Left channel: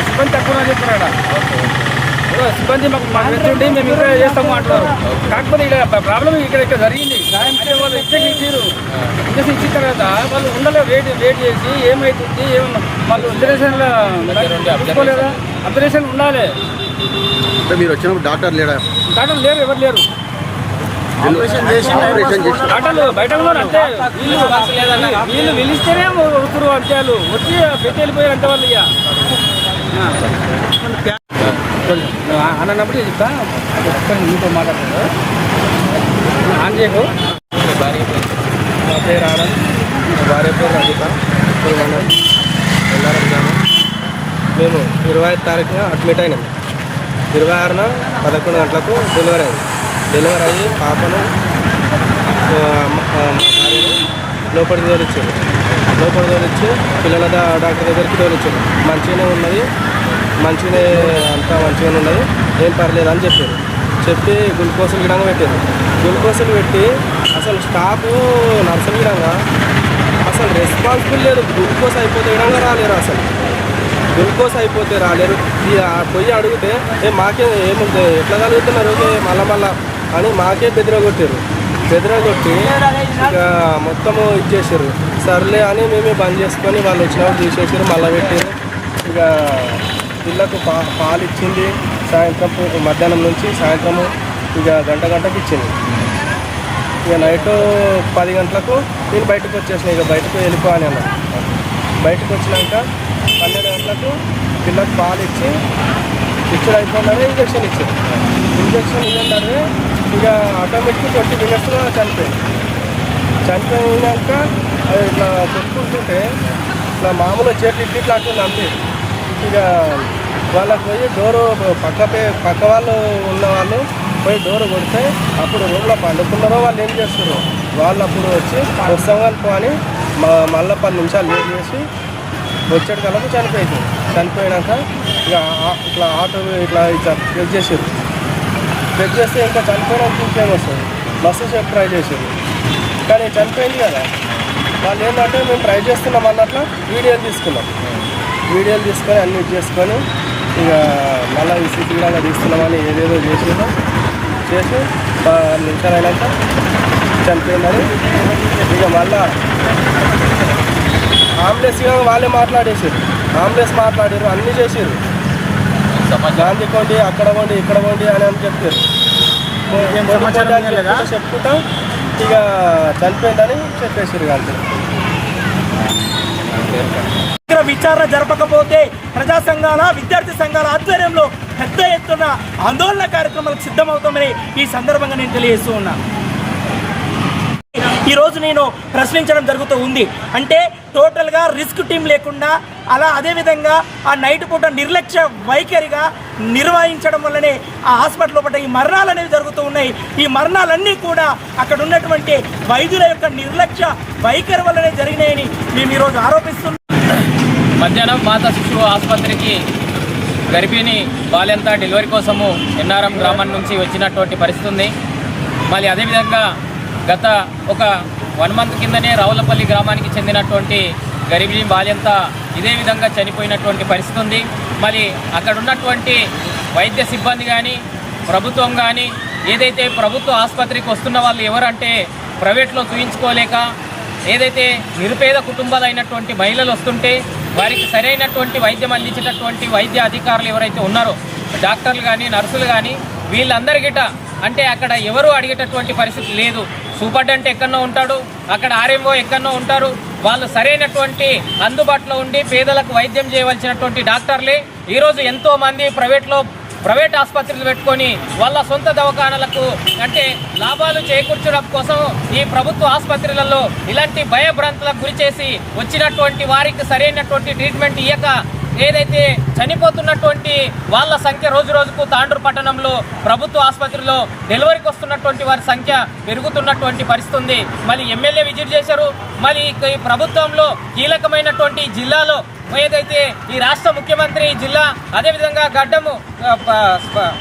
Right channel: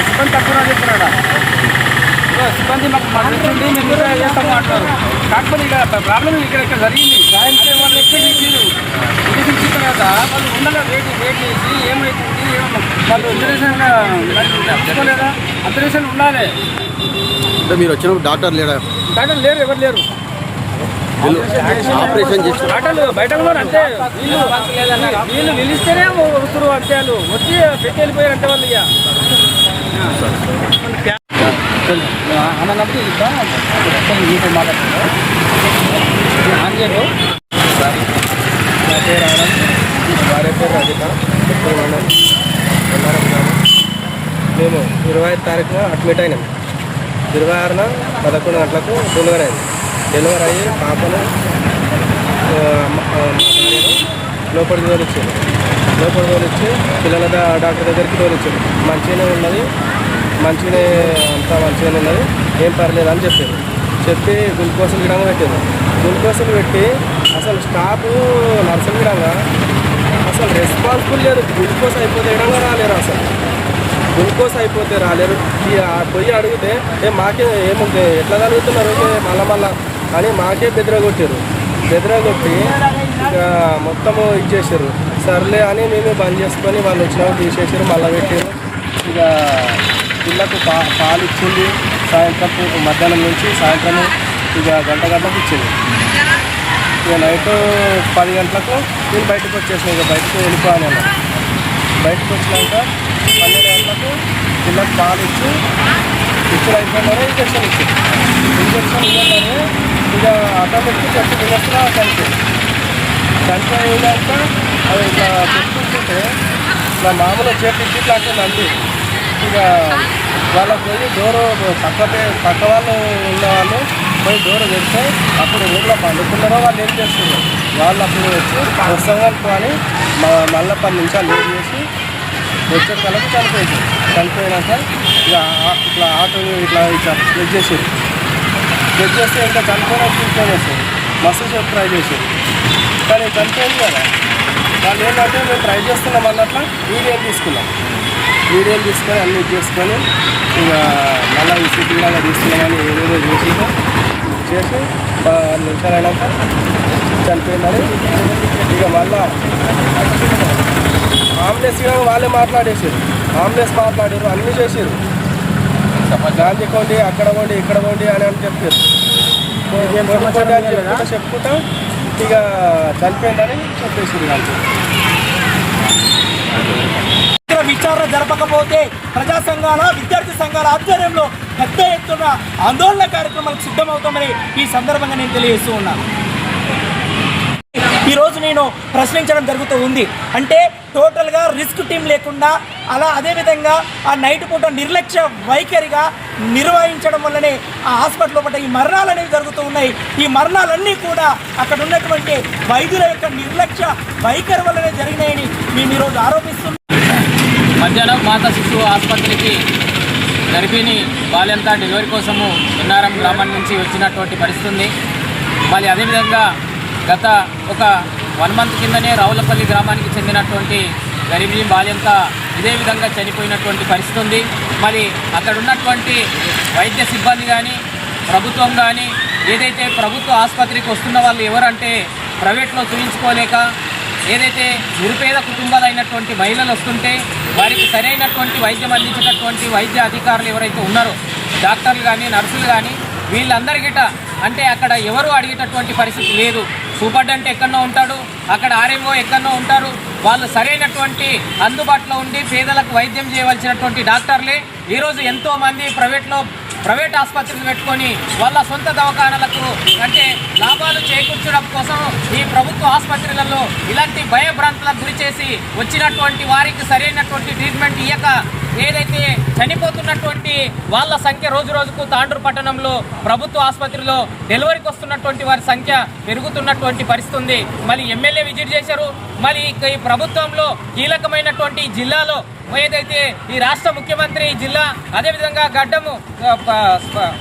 సిబ్బంది తక్కువ అని చెప్తున్నాడు సిబ్బంది మాకు మా ఉండి మేము మీరు చేస్తాము అంటున్నారు. కాకపోతే ఇక్కడ ప్రాబ్లం ఇక్కడ ఇక్కడ జరిగింది. సాయంత్రం వాళ్ళు ఇచ్చే తీరు ఇంజక్షన్ ఇచ్చిన తర్వాత వాళ్ళు ఉండలే వెయిట్ వెయిట్ చేసి ఏమవుతుంది ఏమో వాళ్ళు అబ్జర్వేషన్ చూసుకోలేదా? అబ్జర్వేషన్ ఉండాలి. మీరు వచ్చినప్పుడు డాక్టర్ లేడా? డాక్టర్ లేరు ఎవరు లేరు. డాక్టర్లు బయట ఉన్నారు అంతే. వీళ్ళు వీళ్ళు పిలిస్తేనే వస్తారు అంతే వాళ్ళు. వచ్చి పెట్టి వెళ్ళిపోయారు అంతే వాళ్ళు ఇక. అన్నప్పుడు ఇది మీతో మాట్లాడుతున్నారు ఆన్ చేయకు నా పేరు రావాలని భార్య పేరు రజిత. ఉప్పల్ మండలం ఎల్లారం గ్రామం. మేము ఇరవై ఐదు తారీఖున అడ్మిట్ అయినాం. ఇరవై ఆరున పదకొండు గంటలకు డెలివరీ అయింది. డెలివరీ అయ్యి పాపను భార్యను లోపలికి తోలిచ్చారు. లోపలికి తోలిచ్చి పిల్లల డాక్టర్ దగ్గరికి తోలిచ్చారు. మంచిగానే ఉన్నది. మంచిగానే అంతా మంచిగానే ఉన్నది. ఏం పర్లేదు అని చెప్పారు. చెప్పి గ్లూకోజులు గిడంగా పెట్టారు. గ్లూకోజులు పెట్టి అసలు స్టాఫ్ నర్సులు గిడంగా అసలు రెస్పాన్సిబుల్ లేదు. గ్లూకోజ్ అయిపోతే గిడంగా రాలేరు అసలు. గ్లూకోజ్ అయిపోతే రాలేరు. పొయ్యి అడిగితే ఏ మాకే ఏముంది? ఎట్లా కలుగుతున్నారు మళ్ళా మళ్ళా. అని మాకే బెదిరగొట్టారు. బెదిరగొట్టి ఇక మొత్తము ఇచ్చేసారు. సర్లే అని మేమే బంద్ చేసుకొని వాళ్ళు వచ్చినప్పుడు తీసేసారు మళ్ళీ పెట్టారు. ఇక పిల్లకు పా పాలు ఇచ్చింది. సాయంత్రం మధ్యాహ్నం నుంచి సాయంత్రం ఇక గంట గంటకు ఇచ్చింది. ఇక నైట్ పది గంటలకు నేను బయటకు వచ్చేసాను ఇక బయటకు వెళ్ళిపోయాను అన్న. బయటకు వచ్చినాక పన్నెండు గంటలకు పిల్లకు పాలు ఇచ్చి ఇచ్చిన అయిపోయినారు ఇంజక్షన్ ఇచ్చారు ఇంజక్షన్ ఇవ్వన్నారు ఇక ఆటోమేటిక్ ప్రతి మినిట్స్లో చనిపోయింది. చనిపోయినాక అది ఇట్లా పెట్టుకుంటుంటే ఇట్లా మామూలు చేతి ఇట్లా అంటుంది అంతే ఇక వాళ్ళకి పోయి డోరు పక్కటే పక్క వాళ్ళు ఉన్న వాళ్ళు పోయి డోరు పెడితే అప్పుడు ఊళ్ళో పండుకున్నారో వాళ్ళు ఏం చేస్తున్నారు వాళ్ళు అప్పుడు వచ్చి వస్తాం అని మా మళ్ళీ పది నిమిషాలు లేట్ చేసి వచ్చే కలకు చనిపోయింది చనిపోయినాక ఇక ఇట్లా ఆటో ఇట్లా ఇట్లా చెక్ చేసారు చెక్ చేస్తే ఇంకా చనిపోయినాక ఇంకేం మస్తు సేపు ట్రై చేసారు కానీ చనిపోయింది కదా. వాళ్ళు ఏంటంటే మేము ట్రై చేస్తున్నాం అన్నట్లు వీడియో తీసుకున్నాం. వీడియోలు తీసుకొని అన్ని చేసుకొని ఇక మళ్ళీ ఈ సిటీ లాగా తీసుకున్నామని ఏదేదో చేసి చేసి పది నిమిషాలు అయినాక చనిపోయిందని ఇక మళ్ళా ఆంబులెన్స్ వాళ్ళే మాట్లాడేసారు ఆంబులెన్స్ మాట్లాడారు. అన్నీ చేసారు గాంధీ కొండి అక్కడ కొండి ఇక్కడ కొండి అని అని చెప్పారు. చెప్పుకుంటా చెప్పుకుంటా ఇక చనిపోయిందని చెప్పేసారు సమగ్ర విచారణ జరపకపోతే ప్రజా సంఘాల విద్యార్థి సంఘాల ఆధ్వర్యంలో పెద్ద ఎత్తున ఆందోళన కార్యక్రమాలకు సిద్ధమవుతామని ఈ సందర్భంగా నేను తెలియజేస్తూ ఉన్నాను ఈరోజు నేను ప్రశ్నించడం జరుగుతూ ఉంది. అంటే టోటల్గా రిస్క్ టీం లేకుండా అలా అదేవిధంగా ఆ నైట్ పూట నిర్లక్ష్య వైఖరిగా నిర్వహించడం వల్లనే ఆ హాస్పిటల్ లోపల ఈ మరణాలు అనేవి జరుగుతూ ఉన్నాయి. ఈ మరణాలన్నీ కూడా అక్కడ ఉన్నటువంటి వైద్యుల యొక్క నిర్లక్ష్య వైఖరి వల్లనే జరిగినాయని మేము ఈరోజు ఆరోపిస్తున్నాం. మధ్యాహ్నం మాతా శిశువు ఆసుపత్రికి గర్భిణి బాల్యంతా డెలివరీ కోసము ఎన్ఆర్ఎం గ్రామం నుంచి వచ్చినటువంటి పరిస్థితి ఉంది. మళ్ళీ అదేవిధంగా గత ఒక వన్ మంత్ కిందనే రావులపల్లి గ్రామానికి చెందినటువంటి గర్భిణి బాల్యంతా ఇదే విధంగా చనిపోయినటువంటి పరిస్థితి ఉంది. మరి అక్కడ ఉన్నటువంటి వైద్య సిబ్బంది కానీ ప్రభుత్వం కానీ ఏదైతే ప్రభుత్వ ఆసుపత్రికి వస్తున్న వాళ్ళు ఎవరంటే ప్రైవేట్లో చూయించుకోలేక ఏదైతే నిరుపేద కుటుంబాలైనటువంటి మహిళలు వస్తుంటే వారికి సరైనటువంటి వైద్యం అందించేటటువంటి వైద్య అధికారులు ఎవరైతే ఉన్నారో డాక్టర్లు కానీ నర్సులు కానీ వీళ్ళందరికిట అంటే అక్కడ ఎవరు అడిగేటటువంటి పరిస్థితి లేదు. సూపర్డెంట్ ఎక్కడో ఉంటాడు అక్కడ ఆర్ఎంఓ ఎక్కడో ఉంటారు వాళ్ళు సరైనటువంటి అందుబాటులో ఉండి పేదలకు వైద్యం చేయవలసినటువంటి డాక్టర్లే. ఈరోజు ఎంతో మంది ప్రైవేట్లో ప్రైవేట్ ఆసుపత్రులు పెట్టుకొని వాళ్ళ సొంత దవాఖానలకు అంటే లాభాలు చేకూర్చడం కోసం ఈ ప్రభుత్వ ఆసుపత్రులలో ఇలాంటి భయభ్రాంతులకు గురి చేసి వచ్చినటువంటి వారికి సరైనటువంటి ట్రీట్మెంట్ ఇయ్యక ఏదైతే చనిపోతున్నటువంటి వాళ్ళ సంఖ్య రోజు రోజుకు తాండూరు పట్టణంలో ప్రభుత్వ ఆసుపత్రిలో డెలివరీకి వస్తున్నటువంటి వారి సంఖ్య పెరుగుతున్నటువంటి పరిస్థితి ఉంది మళ్ళీ ఎమ్మెల్యే విజిట్ చేశారు. మళ్ళీ ఈ ప్రభుత్వంలో కీలకమైనటువంటి జిల్లాలో ఏదైతే ఈ రాష్ట్ర ముఖ్యమంత్రి జిల్లా అదేవిధంగా గడ్డము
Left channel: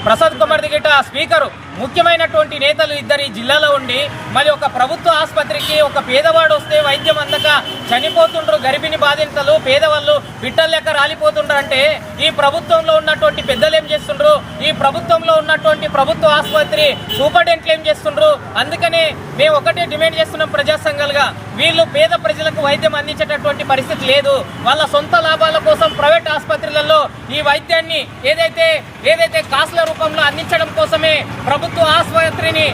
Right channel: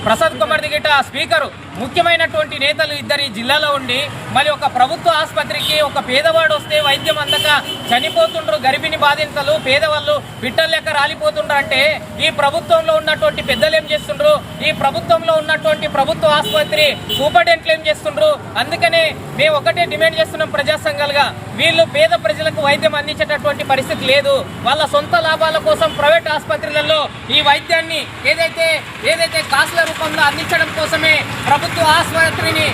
ప్రసాద్ కుమార్ దిగిట స్పీకరు ముఖ్యమైనటువంటి నేతలు ఇద్దరు ఈ జిల్లాలో ఉండి మరి ఒక ప్రభుత్వ ఆసుపత్రికి ఒక పేదవాడు వస్తే వైద్యం అందక చనిపోతుండ్రు గర్భిణి బాధితులు పేదవాళ్ళు బిడ్డలు లెక్క రాలిపోతుండ్రు అంటే ఈ ప్రభుత్వంలో ఉన్నటువంటి పెద్దలు ఏం చేస్తుండ్రు? ఈ ప్రభుత్వంలో ఉన్నటువంటి ప్రభుత్వ ఆసుపత్రి సూపరింటెండెంట్లు ఏం చేస్తుండ్రు? అందుకనే మేము ఒకటే డిమాండ్ చేస్తున్నాం ప్రజా సంఘాలుగా వీళ్ళు పేద ప్రజలకు వైద్యం అందించేటటువంటి పరిస్థితి లేదు. వాళ్ళ సొంత లాభాల కోసం ప్రైవేట్ ఆసుపత్రులలో ఈ వైద్యాన్ని ఏదైతే ఏదైతే కాసుల రూపంలో అందించడం కోసమే ప్రభుత్వ ఆసుపత్రిని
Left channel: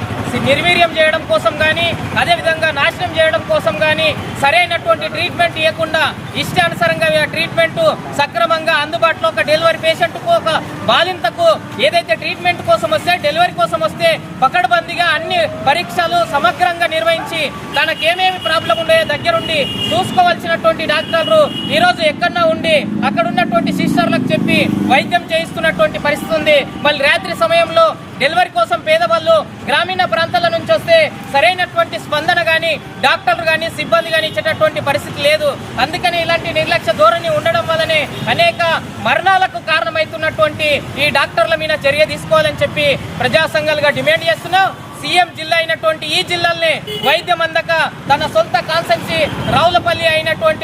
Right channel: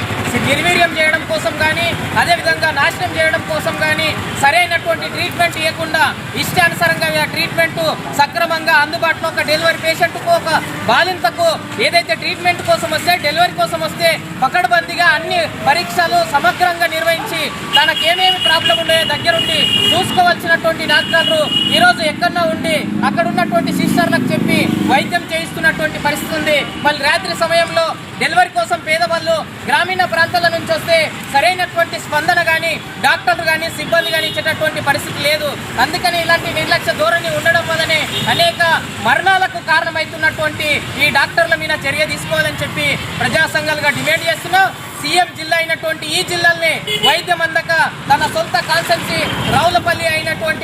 నిర్వీర్యం చేయడం కోసం కానీ అదేవిధంగా నాశనం చేయడం కోసం కానీ సరైనటువంటి ట్రీట్మెంట్ ఇవ్వకుండా ఇష్టానుసారంగా ట్రీట్మెంట్ సక్రమంగా అందుబాటులో ఒక డెలివరీ పేషెంట్కు ఒక బాలింతకు ఏదైతే ట్రీట్మెంట్ కోసం వస్తే డెలివరీ కోసం వస్తే పకడ్బందీగా అన్ని పరీక్షలు సమగ్రంగా నిర్వహించి తనకేమేమి ప్రాబ్లం ఉండే దగ్గరుండి చూసుకోవాల్సినటువంటి డాక్టర్లు ఈరోజు ఎక్కడన్నా ఉండి అక్కడ ఉన్నటువంటి సిస్టర్లకు చెప్పి వైద్యం చేయిస్తున్నటువంటి పరిస్థితి ఉంది. మళ్ళీ రాత్రి సమయంలో డెలివరీ కోసం పేదవాళ్ళు గ్రామీణ ప్రాంతాల నుంచి వస్తే సరైనటువంటి స్పందన కానీ డాక్టర్లు కానీ సిబ్బంది కానీ ఇచ్చేటటువంటి పరిస్థితి లేదు. అందుకని ఇలాంటి నిర్లక్ష్య ధోరణి ఉండడం వల్లనే అనేక మరణాలకు కారణమవుతున్నటువంటి ఈ డాక్టర్ల మీద చర్య తీసుకోవాలని చెప్పి ప్రజా సంఘాలుగా డిమాండ్ చేస్తున్నాం. సీఎం జిల్లా అయినటువంటి ఈ జిల్లాల్ని వైద్యం అందక తన సొంత కాన్సెన్సీ రావులపల్లి అయినటువంటి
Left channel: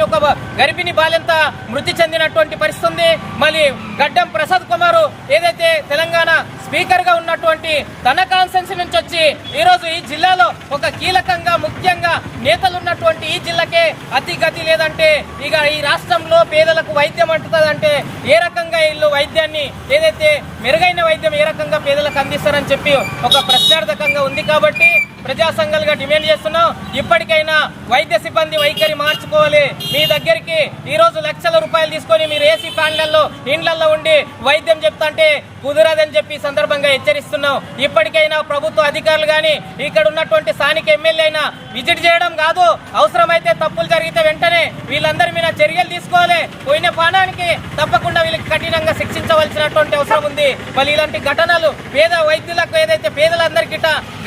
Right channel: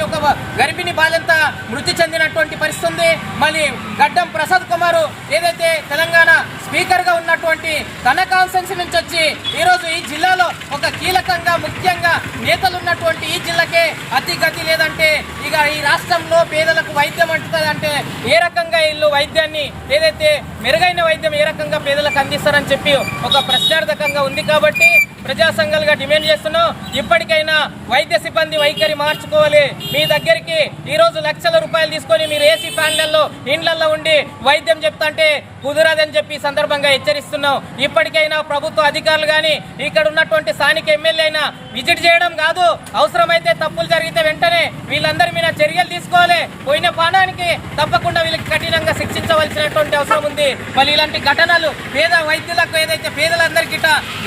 గర్భిణి బాలింత మృతి చెందినటువంటి పరిస్థితి ఉంది మళ్ళీ గడ్డం ప్రసాద్ కుమార్ ఏదైతే తెలంగాణ స్పీకర్గా ఉన్నటువంటి తన కాన్సెన్స్ నుంచి వచ్చి ఈరోజు ఈ జిల్లాలో ఒక కీలకంగా ముఖ్యంగా నేతలు ఉన్నటువంటి ఈ జిల్లాకే అతి గతి లేదంటే ఇక ఈ రాష్ట్రంలో పేదలకు వైద్యం అంటుతుందంటే ఏ రకంగా వీళ్ళు వైద్యాన్ని ఏదైతే మెరుగైన వైద్యం ఏ రకంగా పేదలకు అందిస్తారని చెప్పి ఒక ప్రశ్నార్థకంగా ఉంది కాబట్టి ప్రజా సంఘాలుగా డిమాండ్ చేస్తున్నాం. ఇప్పటికైనా వైద్య సిబ్బంది వైఖరి మార్చుకోవాలి. మీ దగ్గరికి ఈ రోజు లక్షల రూపాయలు తీసుకొని మీరు ఏసీ ఫ్యాన్లలో ఇండ్లలో ఉండి వైద్యం చెప్తాంటే కుదరదని చెప్పి సందర్భంగా హెచ్చరిస్తున్నాం. ఇప్పటికైనా ప్రభుత్వ అధికారులు కానీ ఇక్కడ ఉన్నటువంటి స్థానిక ఎమ్మెల్యే అయినా విజిట్ చేయడం కాదు. అవసరమైతే తప్పులు జరిగితే వెంటనే వీళ్ళందరి మీద చర్యలు తీసుకోవాలి. పోయిన పానానికి తప్పకుండా వీళ్ళకి కఠినంగా శిక్షించవలసినటువంటి అవసరం ఉంది. మళ్ళీ ఇలాంటి ఘటనలు పేద వైద్యులకు ఏదైతే పేదలందరికీ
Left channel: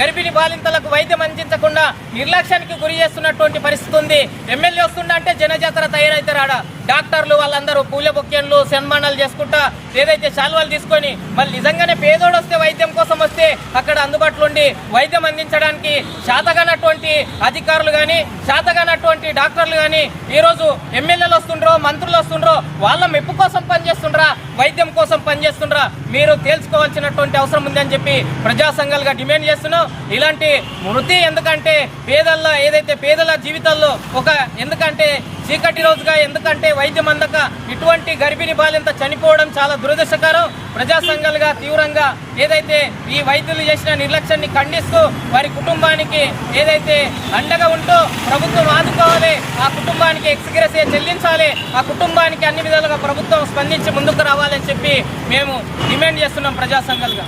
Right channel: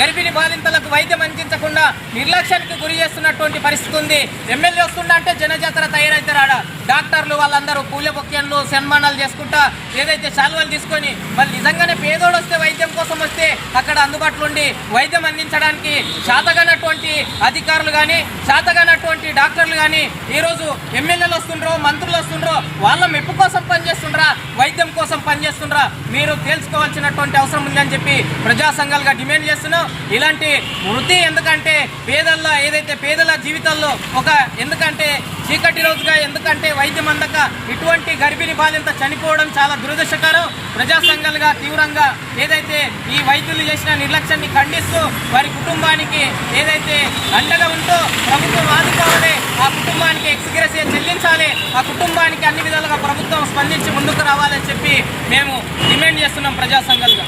గర్భిణి బాలింతలకు వైద్యం అందించకుండా నిర్లక్ష్యానికి గురి చేస్తున్నటువంటి పరిస్థితి ఉంది. ఎమ్మెల్యే వస్తుండ అంటే జనజాతర తయారైతే రాడా. డాక్టర్లు వాళ్ళందరూ పూల బొక్కెన్లు సన్మానాలు చేసుకుంటా ఏదైతే శాల్వాలు తీసుకొని మళ్ళీ నిజంగానే పేదోడు వస్తే వైద్యం కోసం వస్తే అక్కడ అందుబాటులో ఉండి వైద్యం అందించడానికి శాతగానటువంటి అధికారులు కానీ శాతగానటువంటి డాక్టర్లు కానీ ఈరోజు ఎమ్మెల్యేలు వస్తుండ్రో మంత్రులు వస్తుండ్రో వాళ్ళ మెప్పు కోసం పనిచేస్తుండ్రా వైద్యం కోసం పనిచేస్తుండ్రా. మీరు తేల్చుకోవాల్సినటువంటి అవసరం ఉందని చెప్పి ప్రజా సంఘాలుగా డిమాండ్ చేస్తున్నాం. ఇలాంటి వృత్తి ఎందుకంటే పేదల్లో ఏదైతే పేదల జీవితాల్లో ఒక ఎందుకంటే చీకటి రోజుగా ఎందుకంటే వైద్యం అందక ఇటువంటి గర్భిణీ బాలింత చనిపోవడం చాలా దురదృష్టకరం. ప్రజా సంఘాలుగా తీవ్రంగా ఏదైతే ఈ వైద్యులు చేసిన నిర్లక్ష్యాన్ని ఖండిస్తూ వారి కుటుంబానికి ఏదైతే అండగా ఉంటూ ప్రభుత్వం ఆదుకోవాలి ఆ కుటుంబానికి ఎక్స్గ్రెస్ చెల్లించాలి ఆ కుటుంబానికి అన్ని విధాలుగా ప్రభుత్వం స్పందించి ముందుకు రావాలని చెప్పి మేము డిమాండ్ చేస్తున్నాం ప్రజా సంఘాలుగా.